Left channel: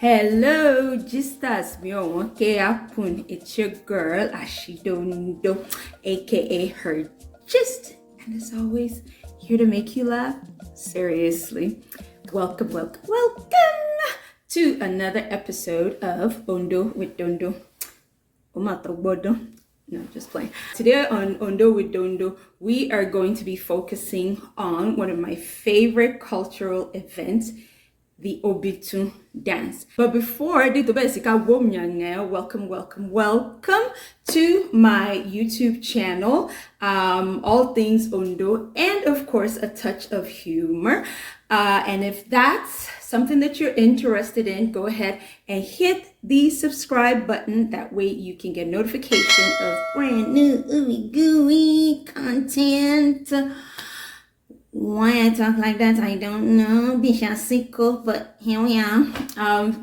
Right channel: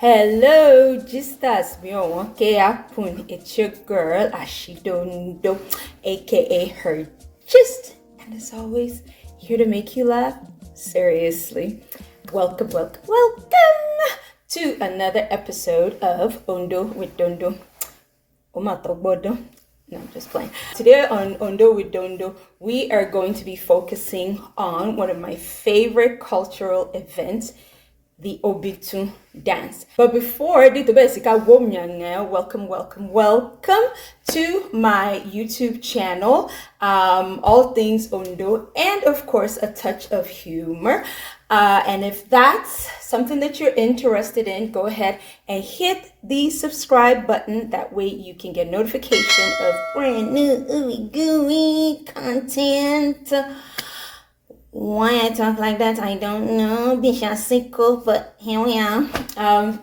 Hello, just as me on happen. It's your girl Dondo, aka her gist, and as always, here to make you laugh seriously. Welcome to another episode of Ondó with Dondo. No, I'm just playing. Today on Ondó with Dondo, we are going to be focusing on one of my favorite cultural events, the Obitun Dance. But before I do the basic, welcome to my YouTube channel, all things Ondó, and of course a touch of humor. And if that's something that you're interested in, go ahead and hit the subscribe button. That way you can get notification of brand new ooey gooey content. Why I talk like that, I don't know. Bishasico, but here we are.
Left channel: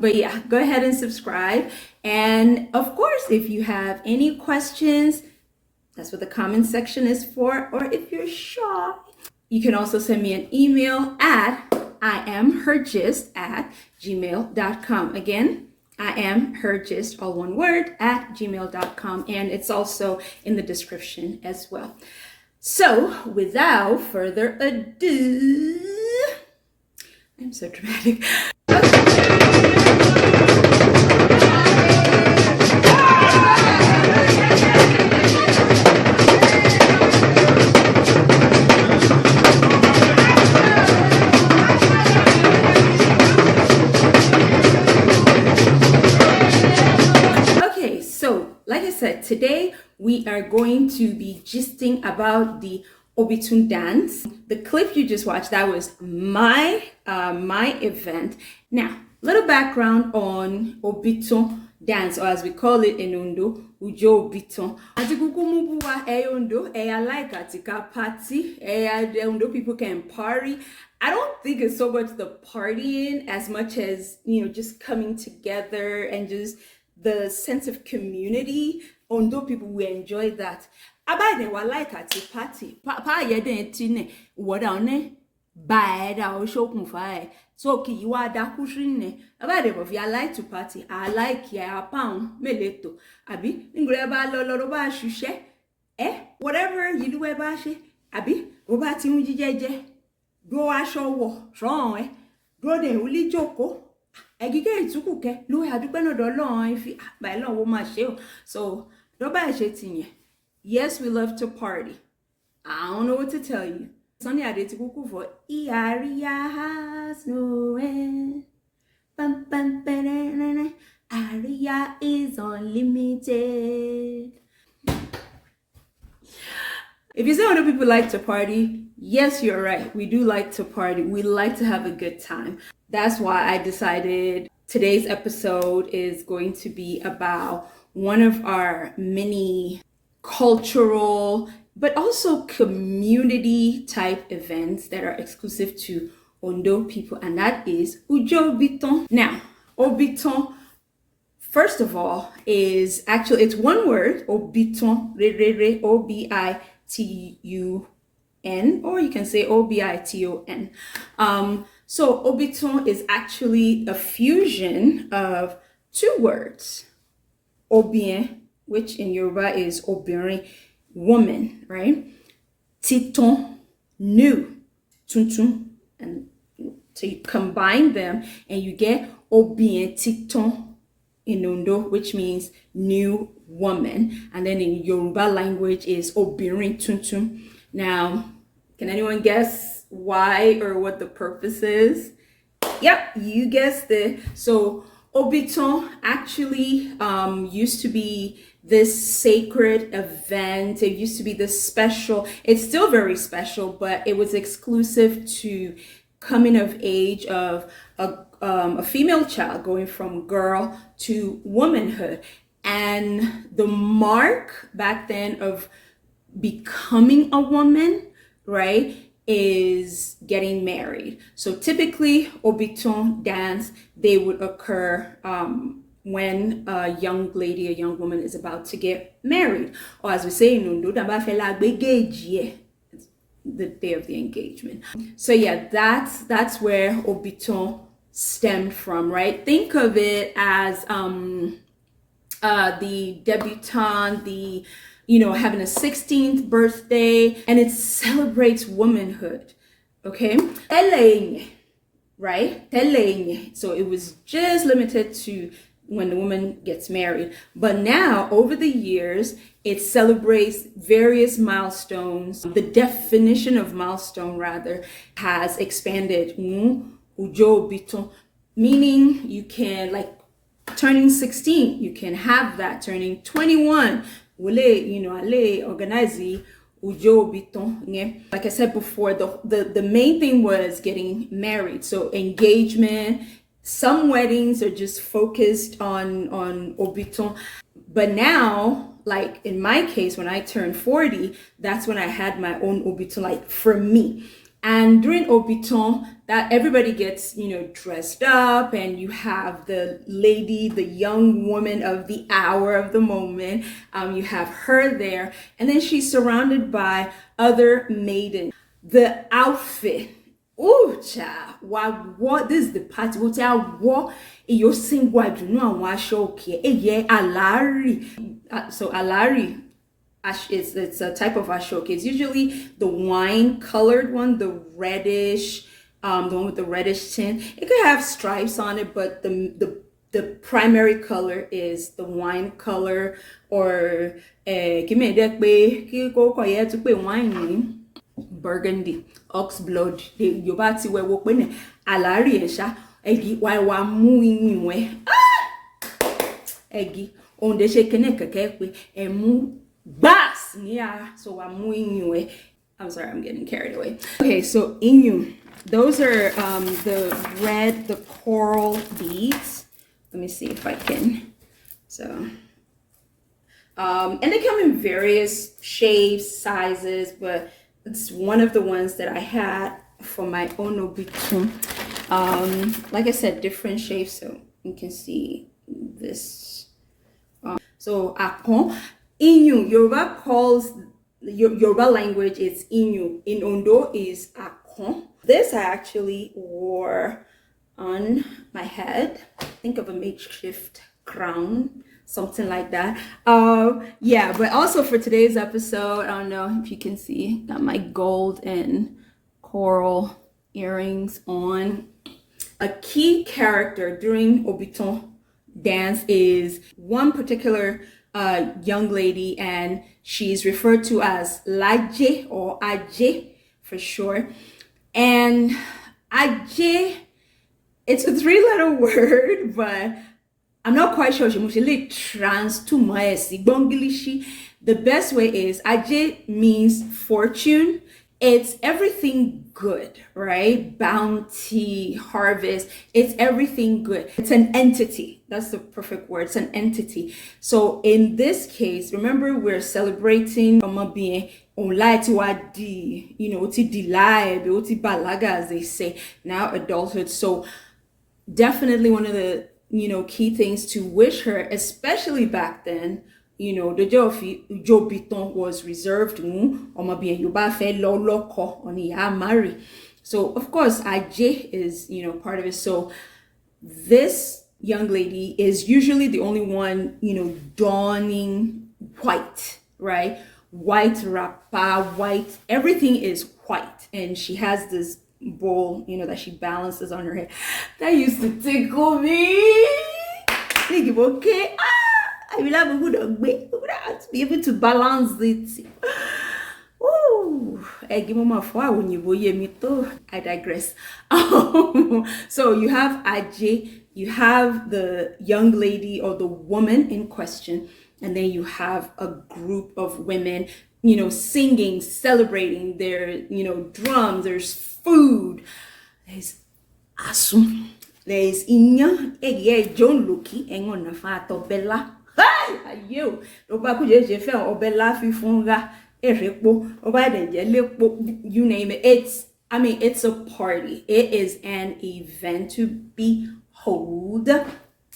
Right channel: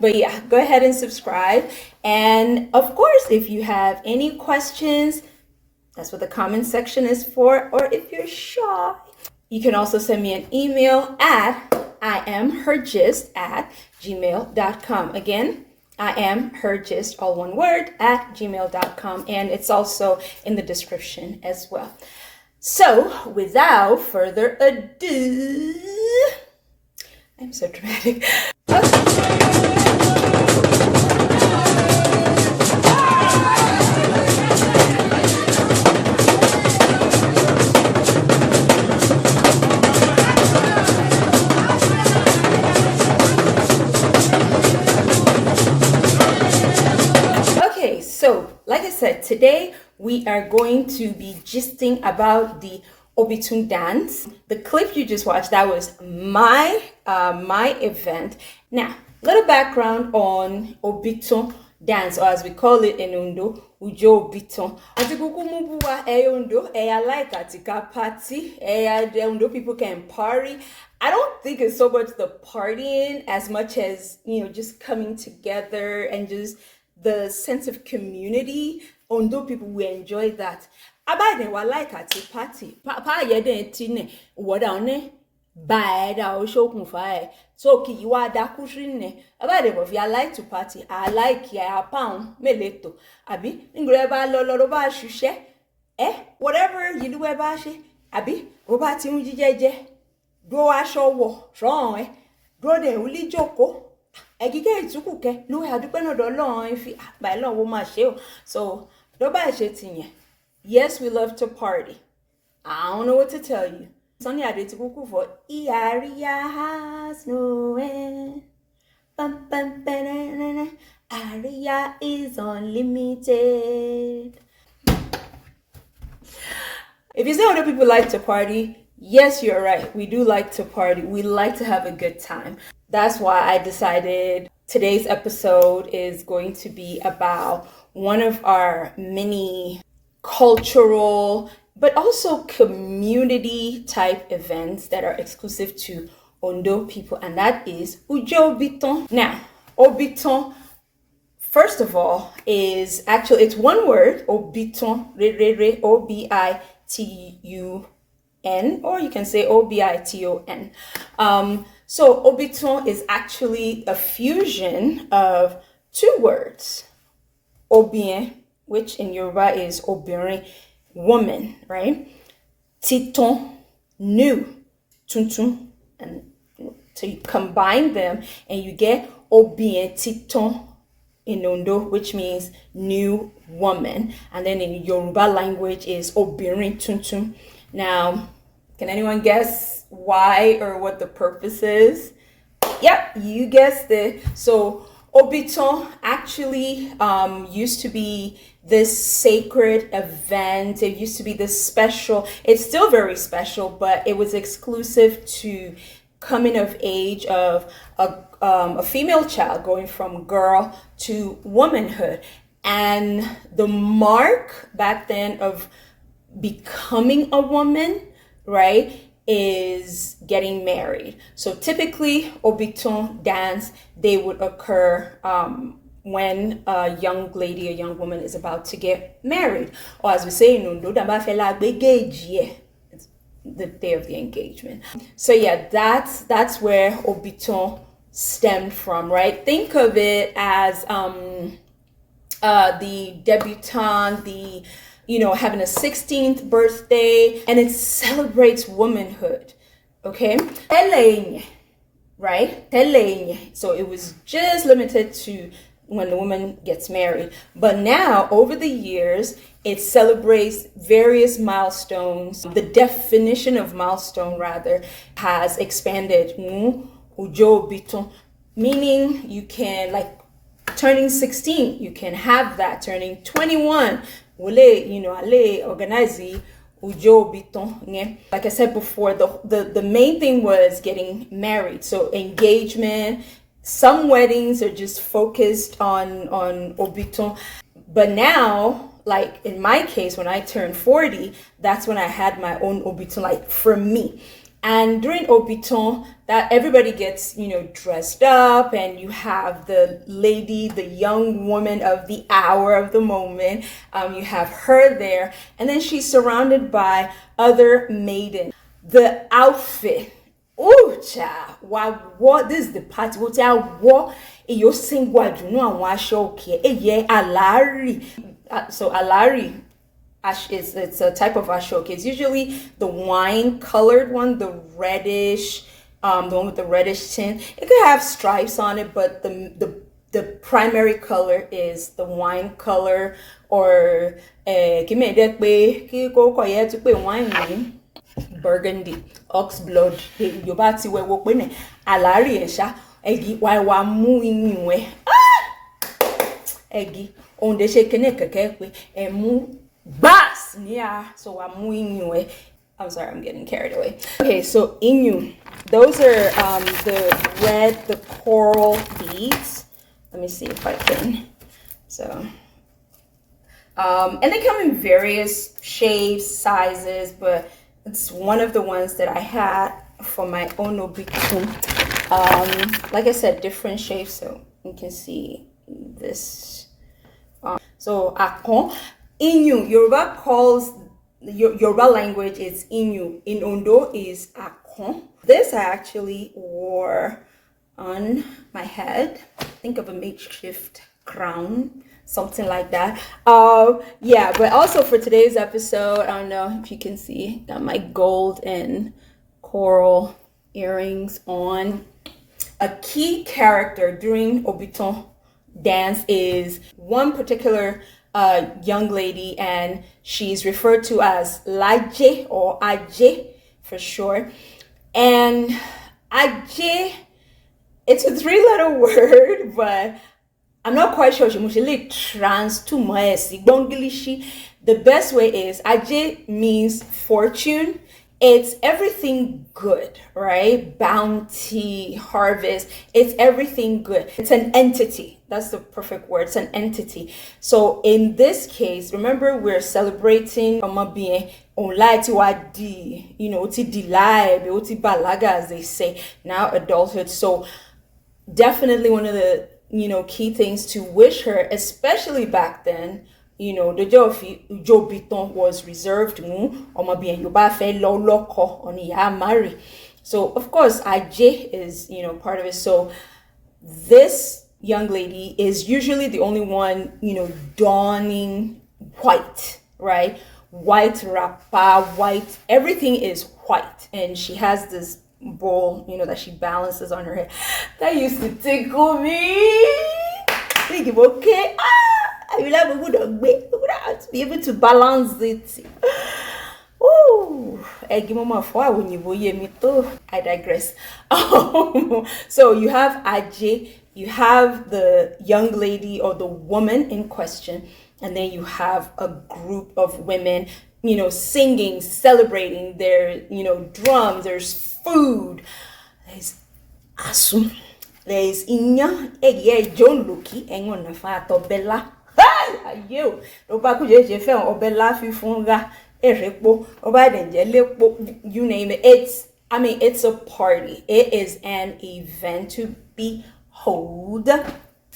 But yeah, go ahead and subscribe. And of course, if you have any questions, that's what the comment section is for. Or if you're shy, you can also send me an email at iamhergist@gmail.com. Again, iamhergist, all one word, @gmail.com. And it's also in the description as well. So, without further ado, I'm so dramatic. Okay, so like I said, today we are going to be gisting about the Obitun Dance. The clip you just watched, that was my event. Now, little background on Obitun Dance, or as we call it in Ondó, Ujó Obitọn. Ondó, I like Atika party. Ondó people can party. I don't think it's so much the partying as much as, just coming together and just the sense of community. Ondó people will enjoy that. Abade wa like at a party. Pa yeden tine wodane ba da o shokun fa so ki wa da kushrine. Abade if you like to party, I like ya pound meleto. Abi ngre ba lo ba shushe. Whatever you do ba she. Abi o ba ti un jijeje. Go aso wo ron go de uli joko. Egige itukuke lu adupe no do Ọlọ́run fi ba Ọlọ́run wo ma se o. So yes, we love to party. I don't know what to tell you. Sonny I did to go for Aria has no end. Aria is unlimited. If you say other people like to party, yes, you're right. We do like to party. We like to have a good time. That's why I decided today's episode is going to be about one of our many cultural, but also community type events that are exclusive to Ondó people, and that is Ujó Obitọn. Now, Obitọn, first of all, is actually, it's one word, Obitun, Obitun, or you can say Obiton. So Obitun is actually a fusion of two words. Obien, which in Yoruba is obirin, woman, right? Titon, new, tuntun, and so you combine them and you get obien titon in Ondó, which means new woman, and then in Yoruba language is obirin tuntun. Now, can anyone guess why or what the purpose is? Yep, you guessed it. So Obitun actually used to be this sacred event. It used to be this special. It's still very special, but it was exclusive to coming of age of a female child going from girl to womanhood. And the mark back then of becoming a woman, right, is getting married. So typically Obitun dance, they would occur when a young lady, a young woman is about to get married. Or as we say in Ondó, it's the day of the engagement. So yeah, that's where Obitun stemmed from, right? Think of it as the debutante, the, having a 16th birthday, and it celebrates womanhood. Okay? Teleñ, right? Teleñ. So it was just limited to when the woman gets married. But now, over the years, it celebrates various milestones. The definition of milestone, rather, has expanded. Ujó Obitọn, meaning you can, like, turning 16, you can have that. Turning 21, ale organize Ujó Obitọn. Like I said before, the main thing was getting married. So engagement. Some weddings are just focused on Obitun. But now, like in my case, when I turned 40, that's when I had my own Obitun, like for me. And during Obitun, that everybody gets, dressed up, and you have the lady, the young woman of the hour, of the moment. You have her there, and then she's surrounded by other maidens. The outfit. Oh, child, what this is the party. What I wore, you sing what you know, and wash okay. Alari. So alari, it's a type of ashoke. It's usually the wine colored one, the reddish, the one with the reddish tint. It could have stripes on it, but the primary color is the wine color, or burgundy, ox blood. Yorùbá ti wẹ̀ wò pé ní àlárí ẹ̀ṣá ẹ̀gì wà mú iyùn ẹ̀ ẹ̀gì òǹdè ṣe kíní kẹ̀kẹ́ pé ẹ̀ mú bass ní à so wà mú iyùn ẹ̀. I'm sorry, I'm getting carried away. Okay, so iyùn, those are the coral beads. Let me see if I can. So and they come in various shapes, sizes, but it's one of the ones that I had for my own Obitun. Like I said, different shapes, so you can see this. So akon, Inu, Yoruba calls Yoruba language is Inu. In Ondó is akon. This I actually wore on my head. Think of a makeshift crown, something like that. Yeah, but also for today's episode, I don't know if you can see, got my gold and coral earrings on. A key character during Obitun dance is one particular young lady, and she's referred to as Laje or Aje for short. And Aje, it's a 3-letter word, but I'm not quite sure. The best way is Aje means fortune. It's everything good, right? Bounty, harvest. It's everything good. It's an entity. That's the perfect word. It's an entity. So in this case, remember, we're celebrating balaga, as they say, now adulthood. So definitely one of the key things to wish her, especially back then, the Ujó Obitọn was reserved. So of course, Ajé is part of it. So this young lady is usually the only one donning white, right? White wrapper, white, everything is white, and she has this bowl, that she balances on her head. That used to tickle me. Think, okay, I will have a good way to be able to balance it. Ooh, I digress. So you have Ajé, you have the young lady or the woman in question, and then you have a group of women, singing, celebrating. There, drums, there's food, there's asum, there's inya, John Lucky, engon fa tobella. Hi, you. Oba kuje je fe obella fifunga, erepo, oba denje lepo, you name it. It's a party. It is an event to behold.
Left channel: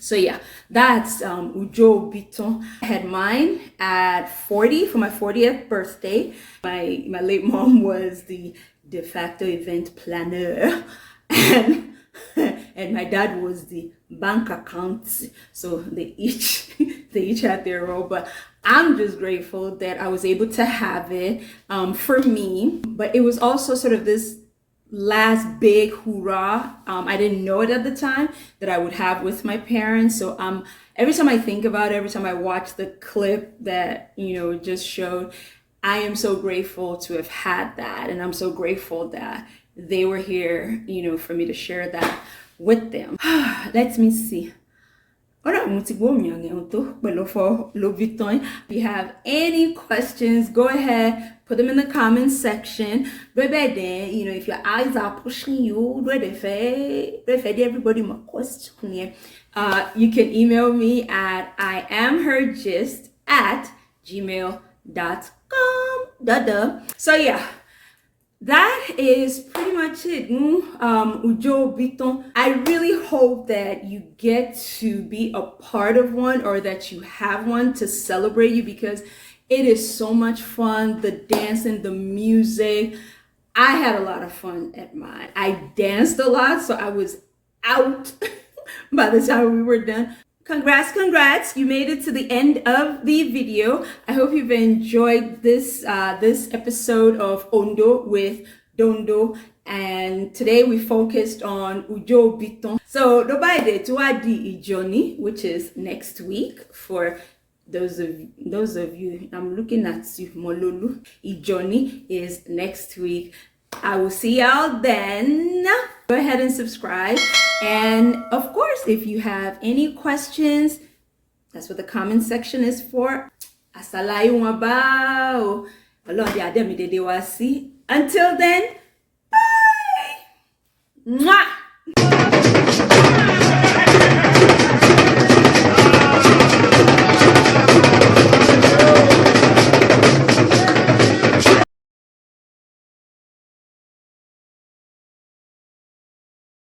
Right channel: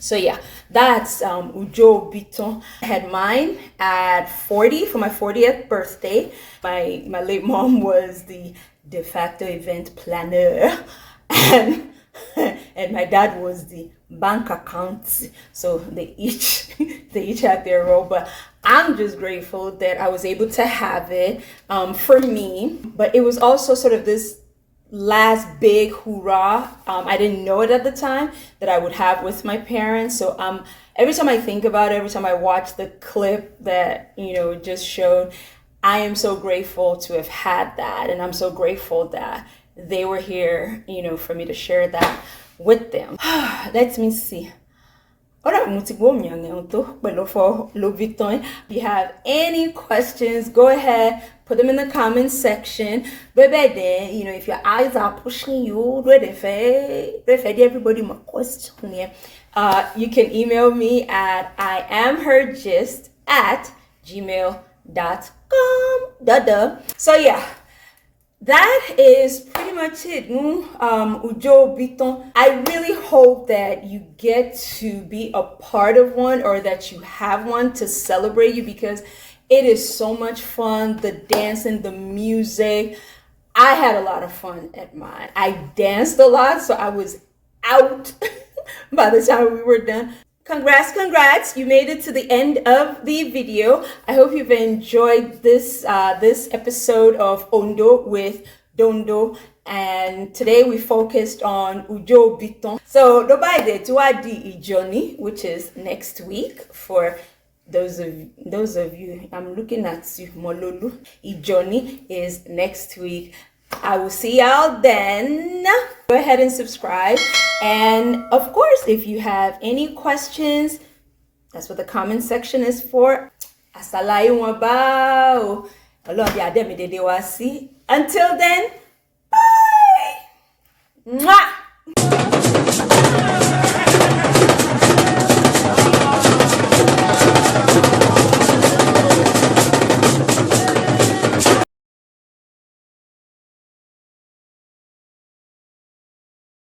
So yeah, that's Ujó Obitọn. I had mine at 40 for my 40th birthday. My late mom was the de facto event planner, and and my dad was the bank account. So they each they each had their role, but I'm just grateful that I was able to have it for me. But it was also sort of this last big hoorah. I didn't know it at the time that I would have with my parents. So every time I think about it, every time I watch the clip that just showed, I am so grateful to have had that, and I'm so grateful that they were here, for me to share that with them. Let me see. If you have any questions, go ahead, put them in the comments section. But then, if your eyes are pushing you, everybody my question. You can email me at iamhergist@gmail.com. So yeah, that is pretty much it. Ujó Obitọn. I really hope that you get to be a part of one, or that you have one to celebrate you, because it is so much fun. The dancing, the music. I had a lot of fun at mine. I danced a lot, so I was out by the time we were done. Congrats, you made it to the end of the video. I hope you've enjoyed this episode of Ondó with Dondo, and today we focused on Ujó Obitọn. So Dobaide Tuadi Ijoni, which is next week. For those of you, I'm looking at you, Mololu. Ijoni is next week. I will see y'all then. Go ahead and subscribe. And of course, if you have any questions, that's what the comment section is for. Until then, bye. Mwah.